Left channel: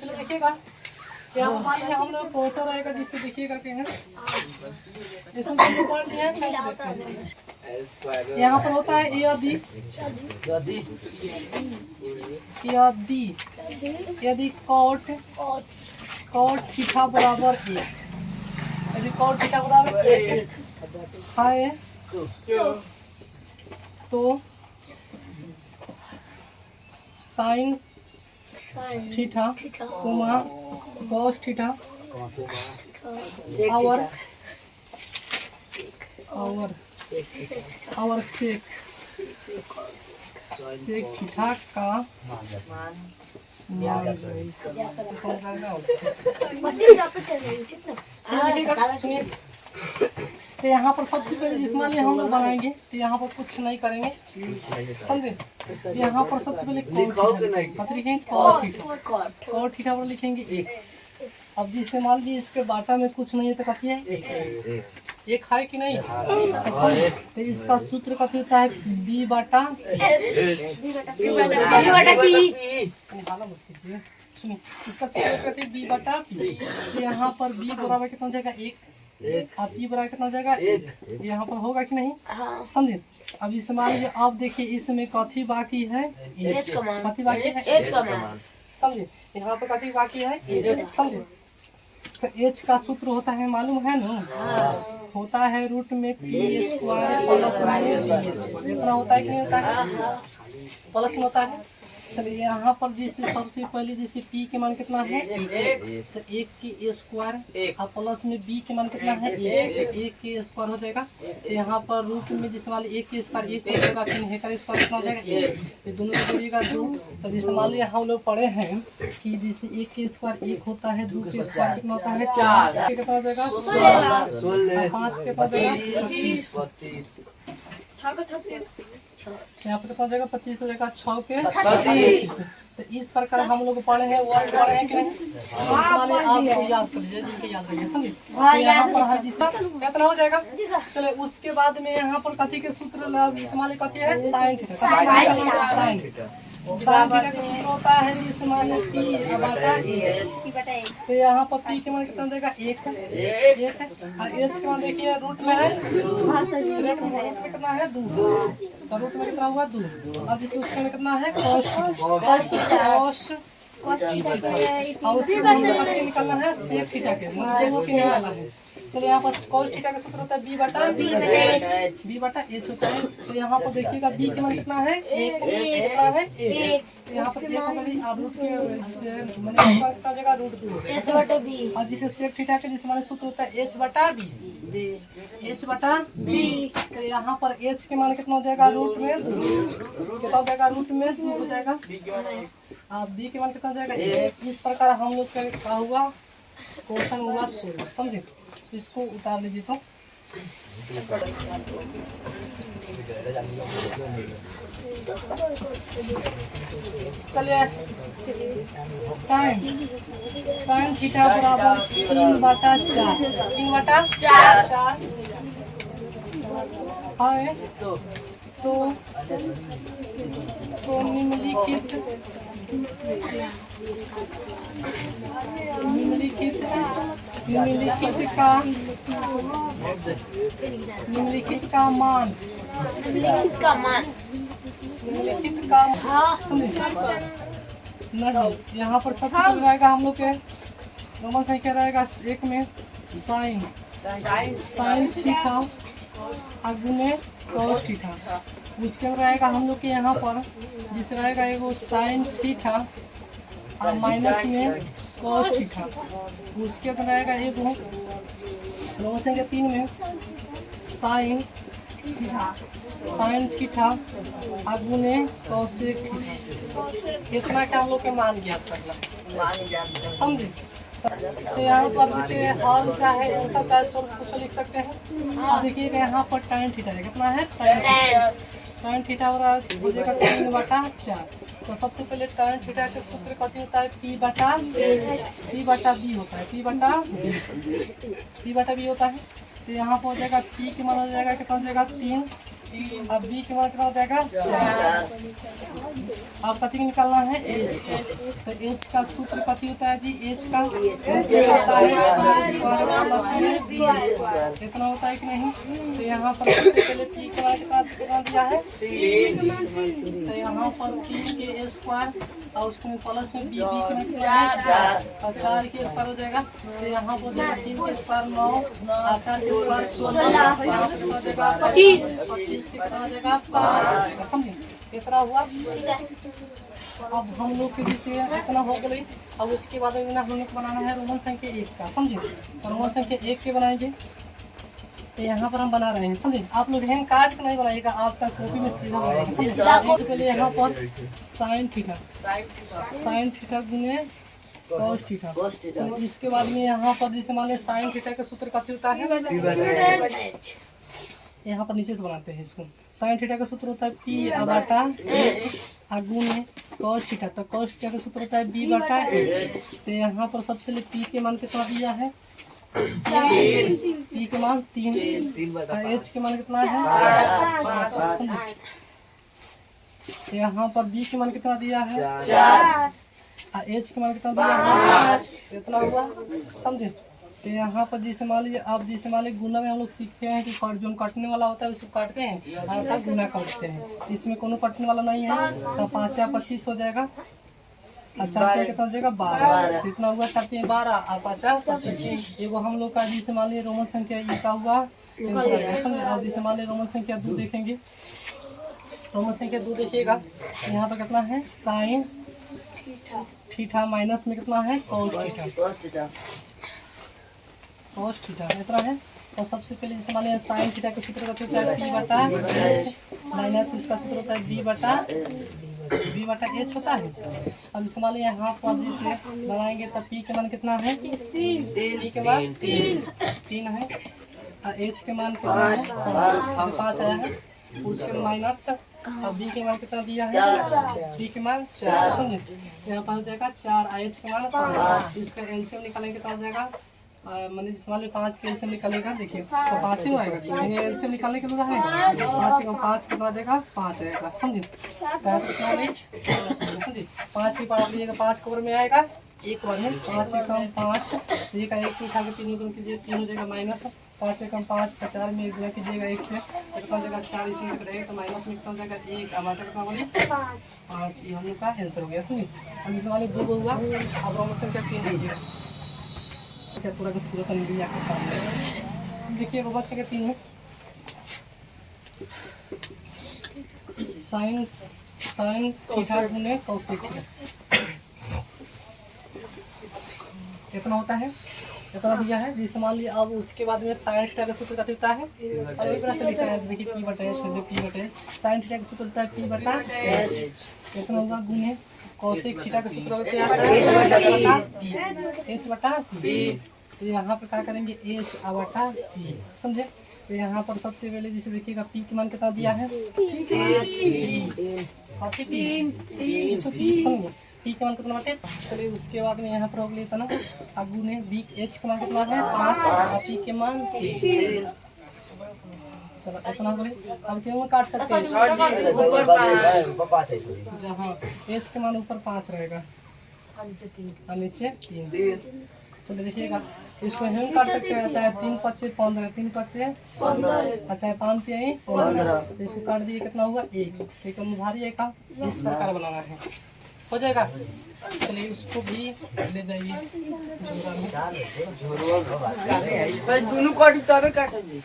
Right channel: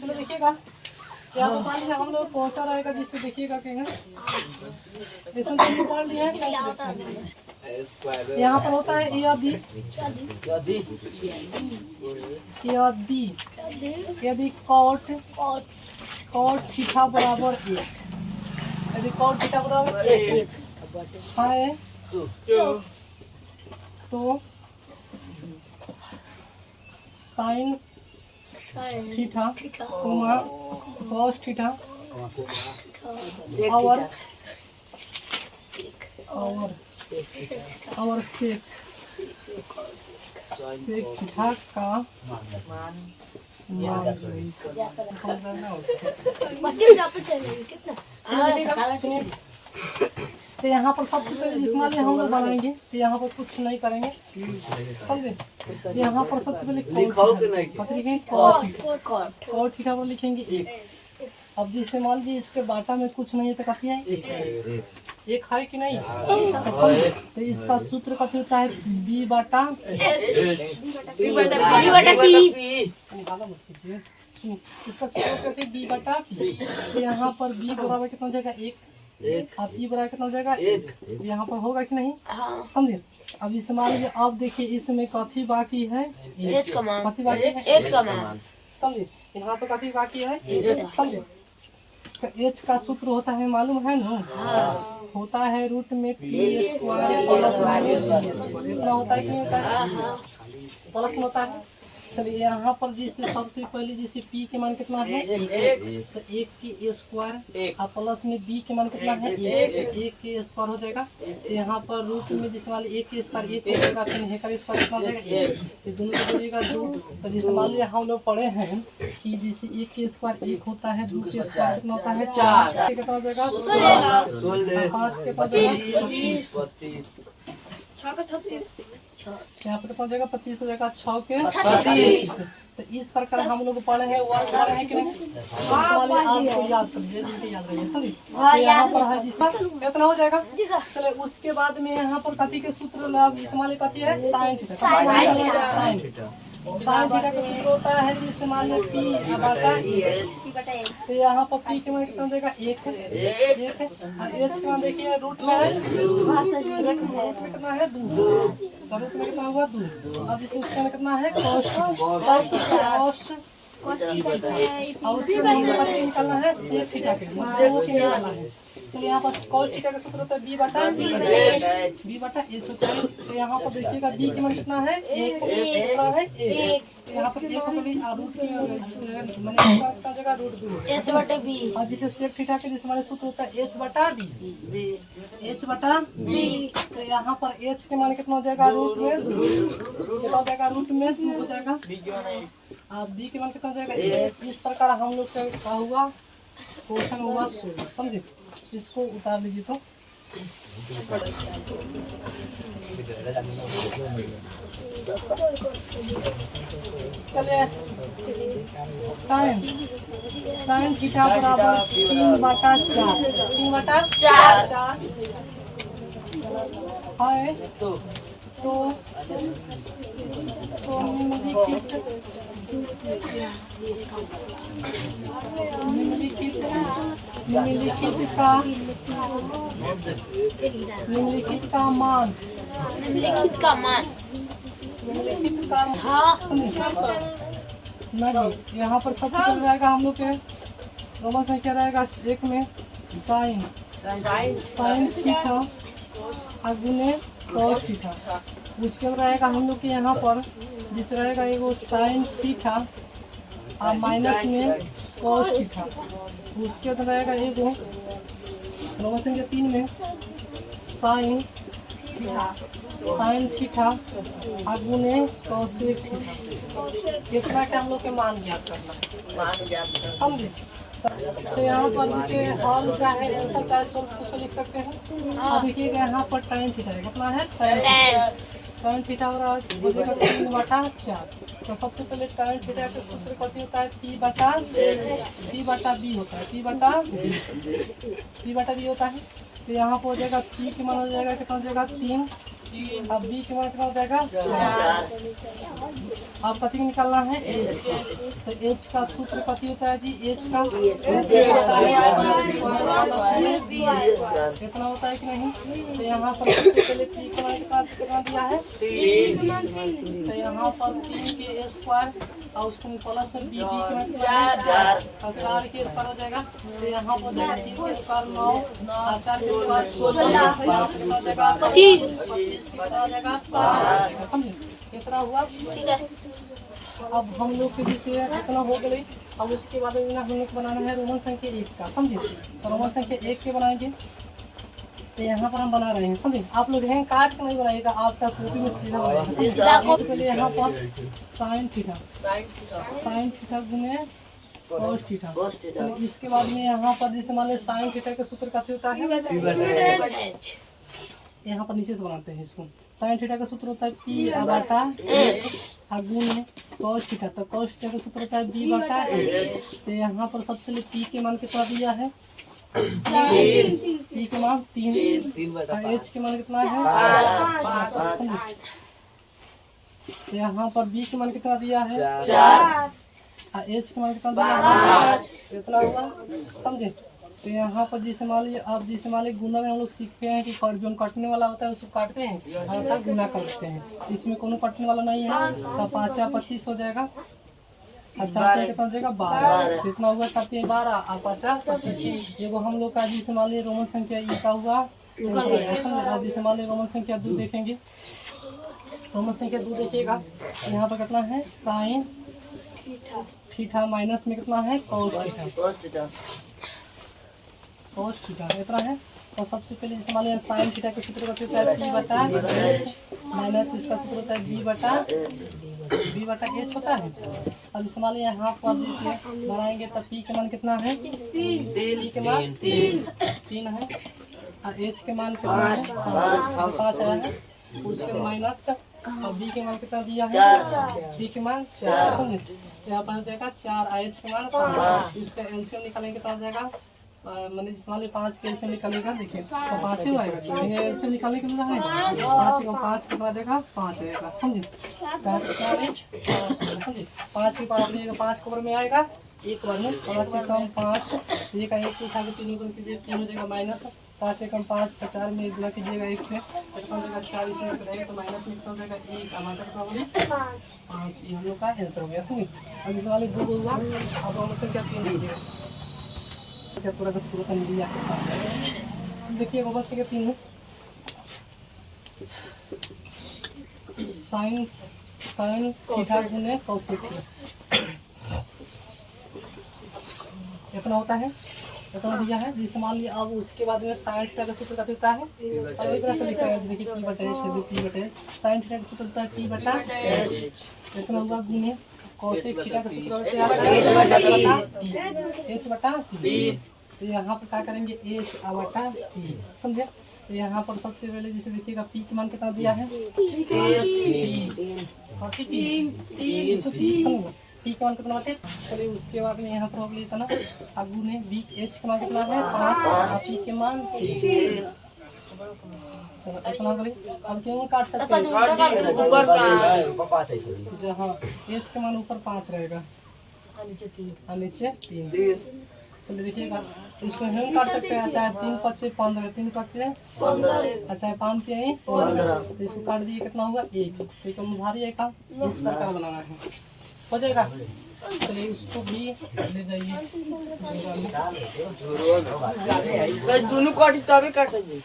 चलो देखिएगा क्या मान लिया हम लोग पहुंचा रहेगा, जिससे देखिएगा क्या है इसमें तो पढ़ लिया है। यहाँ पर होता है यदि कॉट थीटा बराबर 1, यदि कॉट थीटा बराबर 1 है तो sine theta coma cos theta और सेक थीटा का सुनिए। तो यहाँ पर सबसे पहले जिस मान हम लोग बनाएंगे तो यहाँ पर कुछ नहीं करेंगे, समझे। यहाँ पर सबसे पहले कॉट थीटा पर लिखेंगे 1। अब जिससे मान लीजिए इसके बाटा में कुछ नहीं है तो कथी है एक है कि नहीं। तो इसका सूत्र कथी होता है b बटा सुनिए, इसका सूत्र कहते हैं b बटा p। तो यहाँ पर b बराबर कितना हो जाएगा 1, अब p बराबर कितना हो जाएगा 1। यहाँ पर होगा कि नहीं, समझे। अब इस मान लीजिए आप देखिए इसमें कथी बाकी है कथी बाकी है समझे। यहाँ पर कथी बाकी है समझे। तो h का सूत्र होता है मालूम है ना, होता है रूट में p स्क्वायर प्लस इतना होता है कि नहीं होता है, प्लस में होता है। चलिए यहाँ पर जैसे सबसे पहले जैसे p के मान कितना है 1, तो 1 के स्क्वायर और प्लस में b के मान कितना है 1 के स्क्वायर हो जाएगा। तो यहाँ पर रूट में जिस मान 1 के स्क्वायर 1 हो जाएगा, फिर है का स्क्वायर कितना हो जाएगा 1, तो दोनों को जोड़िएगा 2। तो जैसे मान लिया हम लोग पढ़े हैं कि जैसे 1 के स्क्वायर 1 होता है, 2 के स्क्वायर कितना होता है 4, कितना हो जाएगा 16, 5 के हो जाएगा 26, यहाँ पर कितना हो जाएगा 25 हो जाएगा, 6 के 36। तो इस प्रकार हम लोग पढ़े हैं वर्ड पढ़े हैं कि नहीं, वाले आपको याद कर लीजिए, याद रखिए समझिए। तो यहाँ पर है जिसका कितना हो जाएगा। चले उसके बाद में यहाँ पर कथी के सूत्र इस्तेमाल कथी है साइन थीटा। साइन थीटा का सूत्र होता है जिससे मान लो p बटा h। तो यहाँ पर p के मान कितना देगा 1 है और h के मान देखिए रूट में है, रूट में कितना है 2, तो रूट में कितना हुआ 2। अब जिससे उसके में कितना है cos और उसके निकालना है सेक थीटा के वो के निकालना है। चलिए यहाँ पर cos थीटा का सूत्र होता है b बटा h होता है। तो यहाँ पर देखिएगा b के मान कितना है 1, कितना है 1, तो यहाँ पर 1 होगा रूट के मैंने का जगह रूट 2 h बटा b और जिसे सेक थीटा के जिस माने सूत्र होता है h बटा b। तो यहाँ पर h के मान कितना हो जाएगा रूट में 2, कितना हो जाएगा रूट में 2 हो जाएगा और b के मान कितना हो जाएगा 1। इस प्रकार हम लोग का हुआ क्वेश्चन हुआ 16, समझे। इसको उतार लीजिए तो चलिए टाइम थीटा बराबर 3 बटा 4 है। तो निम्नलिखित का मान नहीं, यहाँ पर सबसे पहले रहेगा हम लोग के रोमन संख्या रहेगा एक में साइन थीटा गुने कॉस थीटा। उसके बाद रहेगा हम लोग के यहाँ पर जिससे रहेगा एगो साइन थीटा और माइनस में कॉस थीटा। उसके बाद रहेगा एगो रोमन संख्या 3 में साइन थीटा गुने कॉसेक थीटा। इतना का हम लोग के मान ज्ञात करना, समझे। तो यहाँ पर जैसे हल चाहे आंसर चाहे सब कुछ लिख सकते हैं। अब देखिएगा यहाँ पर टाइन थीटा कितना है टाइन थीटा हो जाएगा 3 बटा 4। तो सबसे पहले टाइन थीटा के सूत्र कथी होता है p बटा b होता है, p बटा b होता है। तो यहाँ पर हो जाएगा p के मान हो जाएगा कितना हो जाएगा 3 अब बी के मान कितना हो जाएगा 4। अब कति निकालना है एच। तो एच का सूत्र कति होता है जी, एच का इतना होता है कि नहीं। तो यहाँ पर सबसे पहले पी के मान कितना दिया है 3। तो यहाँ पर 3 के स्क्वायर और उसके प्लस में बी के मान 4 और 4 के स्क्वायर हो जाएगा। तो यहाँ पर हो जाएगा 3 के स्क्वायर 9 और 4 के स्क्वायर 16। यहाँ पर कितना हो जाएगा 25 के कितना हो जाएगा 5। समझे कितना हुआ। अब हम लोग के जैसे इतना हो गई। अब उसके बाद हम लोग बनाना है रोमन संख्या 1 का। समझे तो रोमन संख्या 1 के बनाएंगे। तो यहाँ पर हम बना रहे हैं। समझे आप लोग हैंग काट के नहीं बनाएगा, आपका कॉपी में सीधा बनाएगा। सबसे पहले यहाँ पर साइन थीटा गुने कॉस थीटा। चलिए इसके बाद में यहाँ पर जैसे मान लीजिए साइन थीटा का सूत्र क्या होता है, यहाँ पर नीचे से बनाते हैं इसको। साइन थीटा का सूत्र होता है पी बटा एच गुने कॉस थीटा। तो कॉस थीटा का सूत्र होता है बी बटा एच। तो यहाँ पर सबसे पहले पी के मान कितना दिया है, पी के मान 3 एच के मान कितना है 5। तो यहाँ पर बी के मान कितना दिया है 4 और एच के मान कितना दिया है 5। इतना हुआ। समझे। तो यहाँ पर जैसे मान लीजिए आप जैसे मान लीजिए गुना में हम लोग सीखते हैं कि जो काटने वाला होता है उसको काटते हैं और गुना करते हैं। इसमें कोनो काटने वाला नहीं है। तो 5 या 25 हो जाएगा और 4 कितना हो जाएगा 12। कितना हुआ 4 12 और 5 25। एगो हम लोग का जैसे मान लीजिए रोमन संख्या ये का हुआ। समझे। और जैसे मान लीजिए रोमन संख्या 2 देखेंगे। रोमन संख्या 2 देखिएगा यहाँ पर कितना है साइन थीटा माइनस में कितना है कॉस थीटा इतना है। और सबसे पहले जैसे मान लीजिए साइन थीटा का सूत्र होता है पी बटा एच माइनस इसका सूत्र होता है बी बटा एच होता है। अब जैसे मान लीजिए यहाँ पर जैसे बनाएंगे तब पी के मान कितना है 3 के मान 3 है और एच के मान कितना है 5 आया है। उसके माइनस और बी के मान कितना दिया है बी के मान 4। समझे। यहाँ पर हो जाएगा 4 और एच के मान 5। इसका एलसीएम निकालेंगे कितना हो जाएगा मैंने जिस वाले 5 के एलसीएम निकलेगा देखिए तो 5 ही आएगा। एलसीएम निकालने के लिए है 5 कितना देगा 5 आएगा। समझे। समझे 5 की पावर लीजिएगा 5 कवर में आएगा एक बार में 5 से कम 5 एक का 1 उठा के 3 गुना कीजिए 3 हो जाएगा माइनस 5 से कम 5 तो 4 में गुना कीजिएगा 1 से कितना हो जाएगा 4 इसमें रहेगा तो माइनस में कितना हो जाएगा 1 टमाटर कितना बोली 5। ये हम लोग का आंसर हो गया। समझे। अब जिस वाले 2 हुआ अब रोमन संख्या 3 लीजिएगा क्या पूरा का पूरा तंदूरी आपके सामने देखिए रोमन संख्या 3 में साइन थीटा गुने कॉसेक कितना होता है इतना दिया है। जिस मान लिया अब उसके बाद में साइन थीटा का सूत्र क्या होता है और एक तरह से लिखा है देखिए पी बटा एच साइन थीटा का सूत्र होता है पी बटा एच इतना होगा गुने कॉसेक थीटा का सूत्र होता है एच बटा पी। तो यहाँ पर क्या करेंगे एच बटा पी। समझे। तो यहाँ पर सबसे पहले जैसे देखिएगा पी के मान कितना दिया है 3। समझे पी के मान कितना बाटे। चलिए उसके बाद में यहाँ पर हो गया इतना अब गुने बी एच के मान कितना है 5 और पी के मान 3। चलो इतना हो गया। अब क्यों काट सकते हैं जहाँ एच के मान ऊपर 5 रहेगा और नीचे 3। चलिए देखिएगा इसको हम काट सकते हैं चाहे 3 × 5 = 15 3 × 5 = अच्छा 5 × 3 = 15। तो इसको काट दिए कितना हुआ 1। तो कम भारी है का इस प्रकार बनाना है हो जाएगा। चलिए उसको भी ले जाइए दोनों काटी तबे काटेंगे।